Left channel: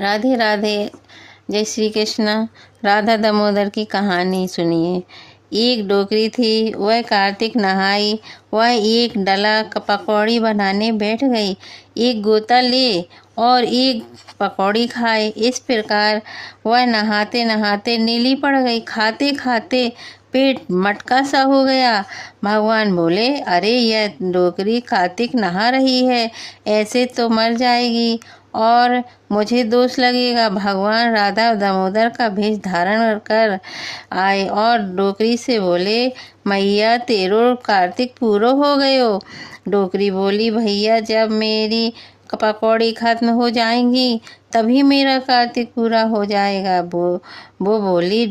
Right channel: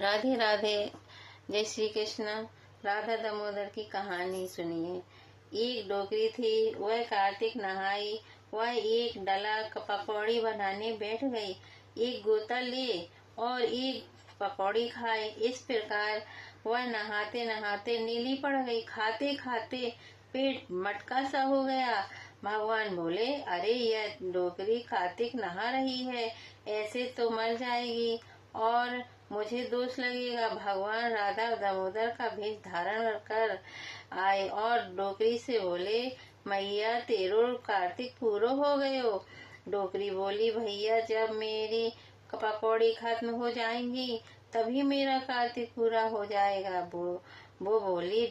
राधे राधे। जय श्री कृष्ण। राधा दामोदर की कहानी सुनिए। एक डोकरी थी, वह कार्तिक नहाई, वह एक डला पकौड़ी बनाने बैठ गई। एक गोता ले और एक पकौड़ी खाए। इस प्रकार वह नहाते नहाते नीली पड़ गई। खाते खाते पेट मटका सा हो गया। भगवान बोले, अरे यह डोकरी कार्तिक नहा रही है, ऐसे तो मर जाएगी और मुझे दोष लगेगा। भगवान राधा दामोदर का भेष धारण कर आए और डोकरी से बोले, मैया तेरो कार्तिक पूरो हो गयो। डोकरी बोली, भैया जब मेरी पकौड़ी खत्म हो जाएंगी तभी मेरा कार्तिक पूरा हो जाएगा। वो बोले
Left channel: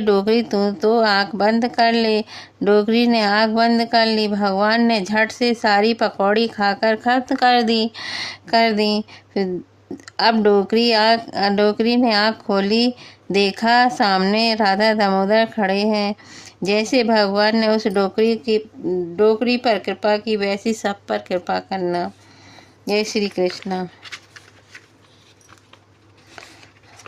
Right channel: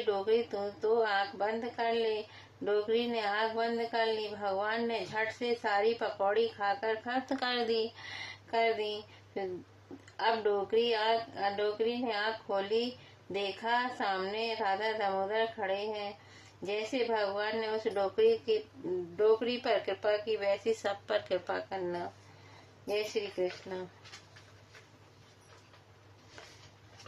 डोकरी तू तो आंख बंद कर ले। डोकरी ने आंख बंद कर ली। भगवान ने झट से सारी पकौड़ी खाकर खत्म कर दी। फिर अब डोकरी ने आंख खोली, देखा सामने राधा दामोदर खड़े हैं। जैसे भगवान ने उस डोकरी पर कृपा की, वैसी सब पर कृपा करना। जय श्री कृष्ण।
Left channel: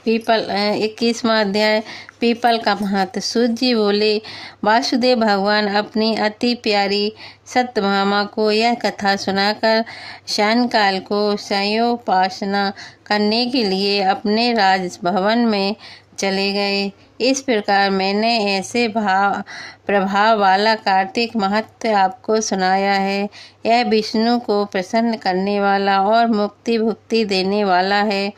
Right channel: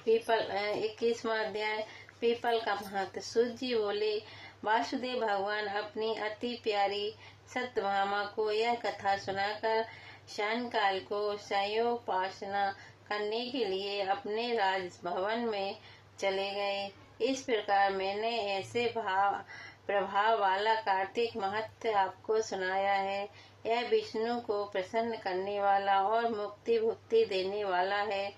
21वां अध्याय, पीपल का महत्व। सूत जी बोले, वासुदेव भगवान अपनी अति प्यारी सत्यभामा को यह कथा सुनाकर सायंकाल को संयोपासना करने के लिए अपने राजभवन में चले गए। इस प्रकार मैंने ऐसे प्रभाव वाला कार्तिक महत्व आपको सुनाया है। यह विष्णु को प्रसन्न करने वाला और मुक्ति भुक्ति देने वाला है।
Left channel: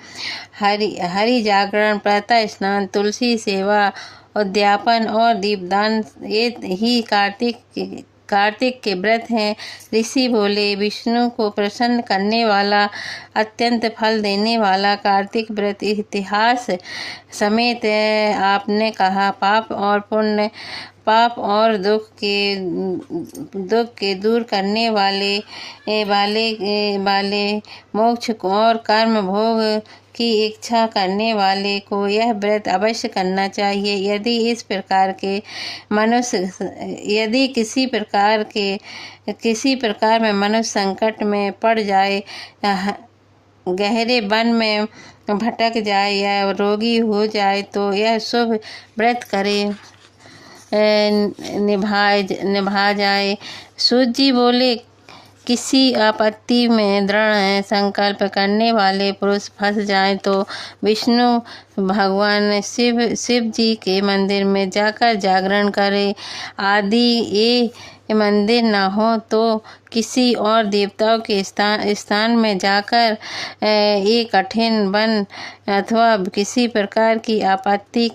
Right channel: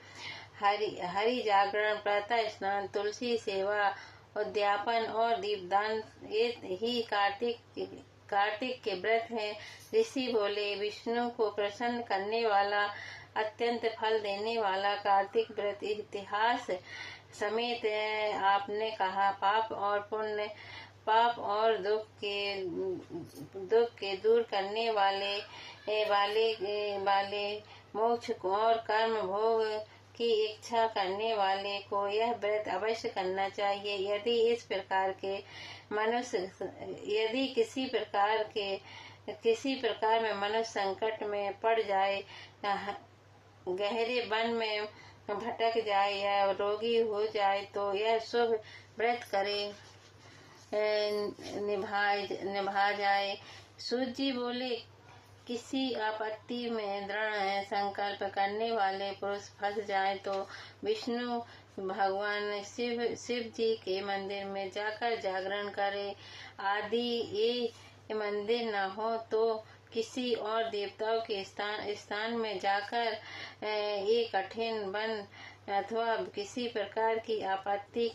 हरि जागरण, प्रातः स्नान, तुलसी सेवा, उद्यापन और दीपदान ये ही कार्तिक के व्रत हैं। ऋषि बोले, विष्णु को प्रसन्न करने वाला, अत्यंत फल देने वाला कार्तिक व्रत इतिहास समेत आपने कहा। पाप और दुख के दूर करने वाले मोक्ष और कर्म भोग की इच्छा करने वाले को यह व्रत अवश्य करना चाहिए। यदि किसी प्रकार में मनुष्य संकट में पड़ जाए, गहरे वन में भटक जाए या रोगी हो जाए तो यह शुभ व्रत करे, निभा जाए। सूत जी बोले, किसी आपत्ति में दृढ़ संकल्प करने वाले पुरुष फंस जाए तो विष्णु भगवान शिव जी के मंदिर में जाकर जागरण करे। आदि ये मंदिर न हो तो किसी और देवताओं के स्थान में जाकर एक कठिन वन अथवा किसी प्रकार की आपत्ति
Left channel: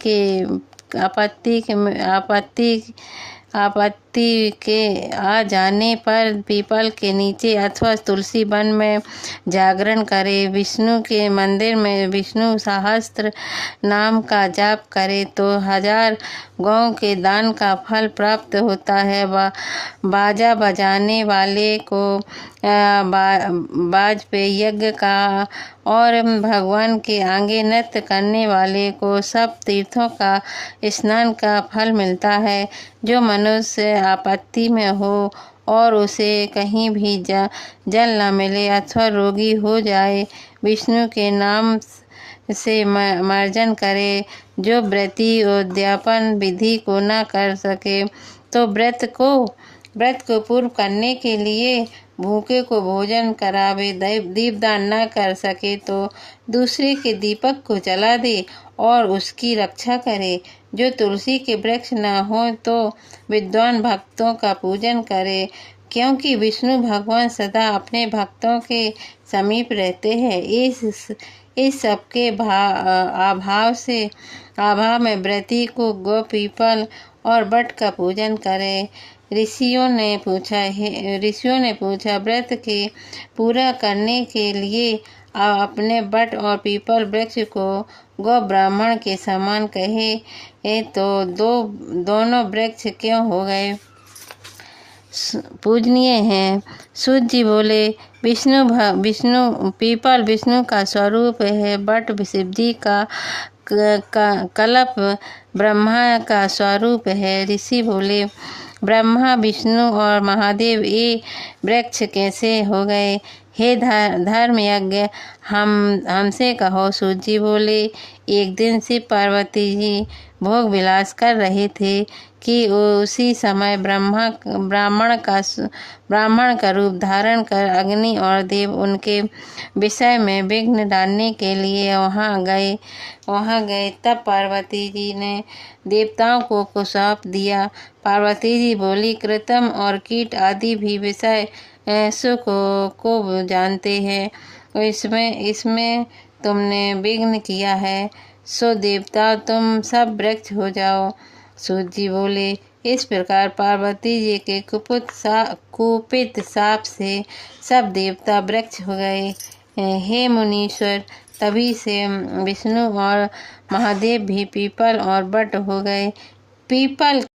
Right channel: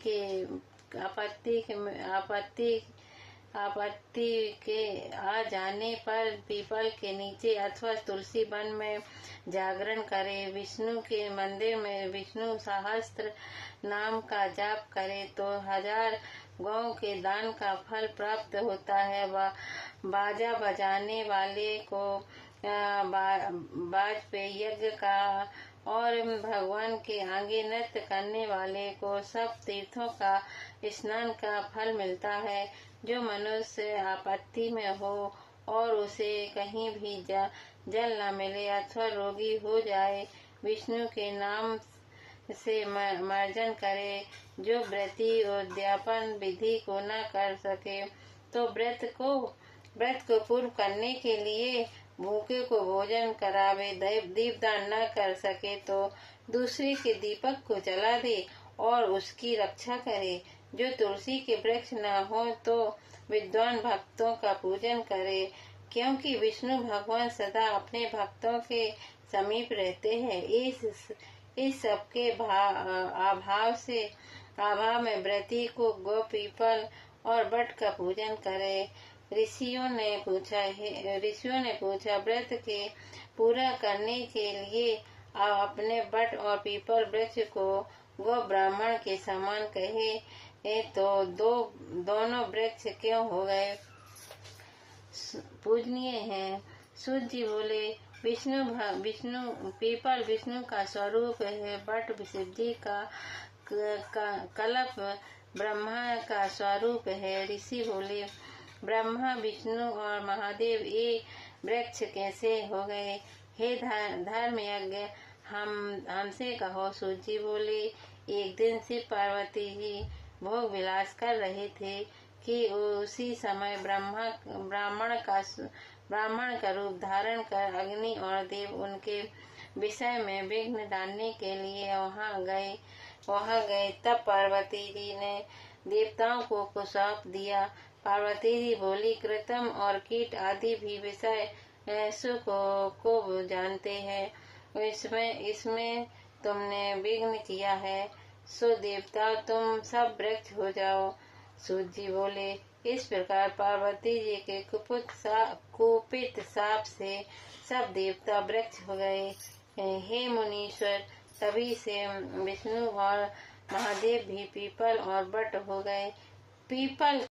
के आ जाने पर पीपल के नीचे अथवा तुलसी वन में जागरण करे। विष्णु के मंदिर में विष्णु सहस्त्र नाम का जाप करे तो 1000 गौ के दान का फल प्राप्त होता है। बाजा बजाने वाले को बाज पे यज्ञ का और भगवान के आगे नृत्य करने वाले को सब तीर्थों का स्नान का फल मिलता है। जो मनुष्य आपत्ति में हो और उसे कहीं भी जल न मिले अथवा रोगी हो जाए, विष्णु के नाम से मार्जन करे। जो व्रती उद्यापन विधि को न कर सके तो व्रत को पूर्ण करने के लिए भूखे को भोजन करावे। दीपदान न कर सके तो दूसरे के दीपक को जला दे और उसकी रक्षा करे। जो तुलसी के वृक्ष न हो तो विद्वान भक्तों का पूजन करे, क्योंकि विष्णु भगवान सदा अपने भक्तों के समीप रहते हैं। इस सब के अभाव में व्रती को गौ, पीपल और बट का पूजन करे। ऋषियों ने पूछा, व्रत के पूरा करने के लिए अपने बट और पीपल वृक्ष को गौ ब्राह्मण के समान कहे तो दोनों वृक्ष क्यों हो गए पूजनीय हैं? सूत जी बोले, पीपल विष्णु का स्वरूप है, बट शिव जी का कल्प ब्रह्मा का स्वरूप है। ऋषि बोले, ब्रह्मा, विष्णु और महादेव ये वृक्ष कैसे हो गए? हे धर्म यज्ञ, हमसे कहो। सूत जी बोले, एक दिन शिव पार्वती जी भोग विलास कर रहे थे कि उसी समय ब्राह्मण का रूप धारण कर अग्नि और देव उनके विषय में विघ्न डालने के लिए वहाँ गए। तब पार्वती जी ने देवताओं को सौंप दिया। पार्वती जी बोली, कृतम और कीट आदि भी विषय सुख को जानते हैं। इसमें तुमने विघ्न किया है, सो देवता तुम सब वृक्ष हो जाओ। सूत जी बोले, इस प्रकार पार्वती जी के कुपित शाप से सब देवता वृक्ष हो गए। हे मुनीश्वर, तभी से विष्णु और महादेव भी पीपल और बट हो गए। पीपल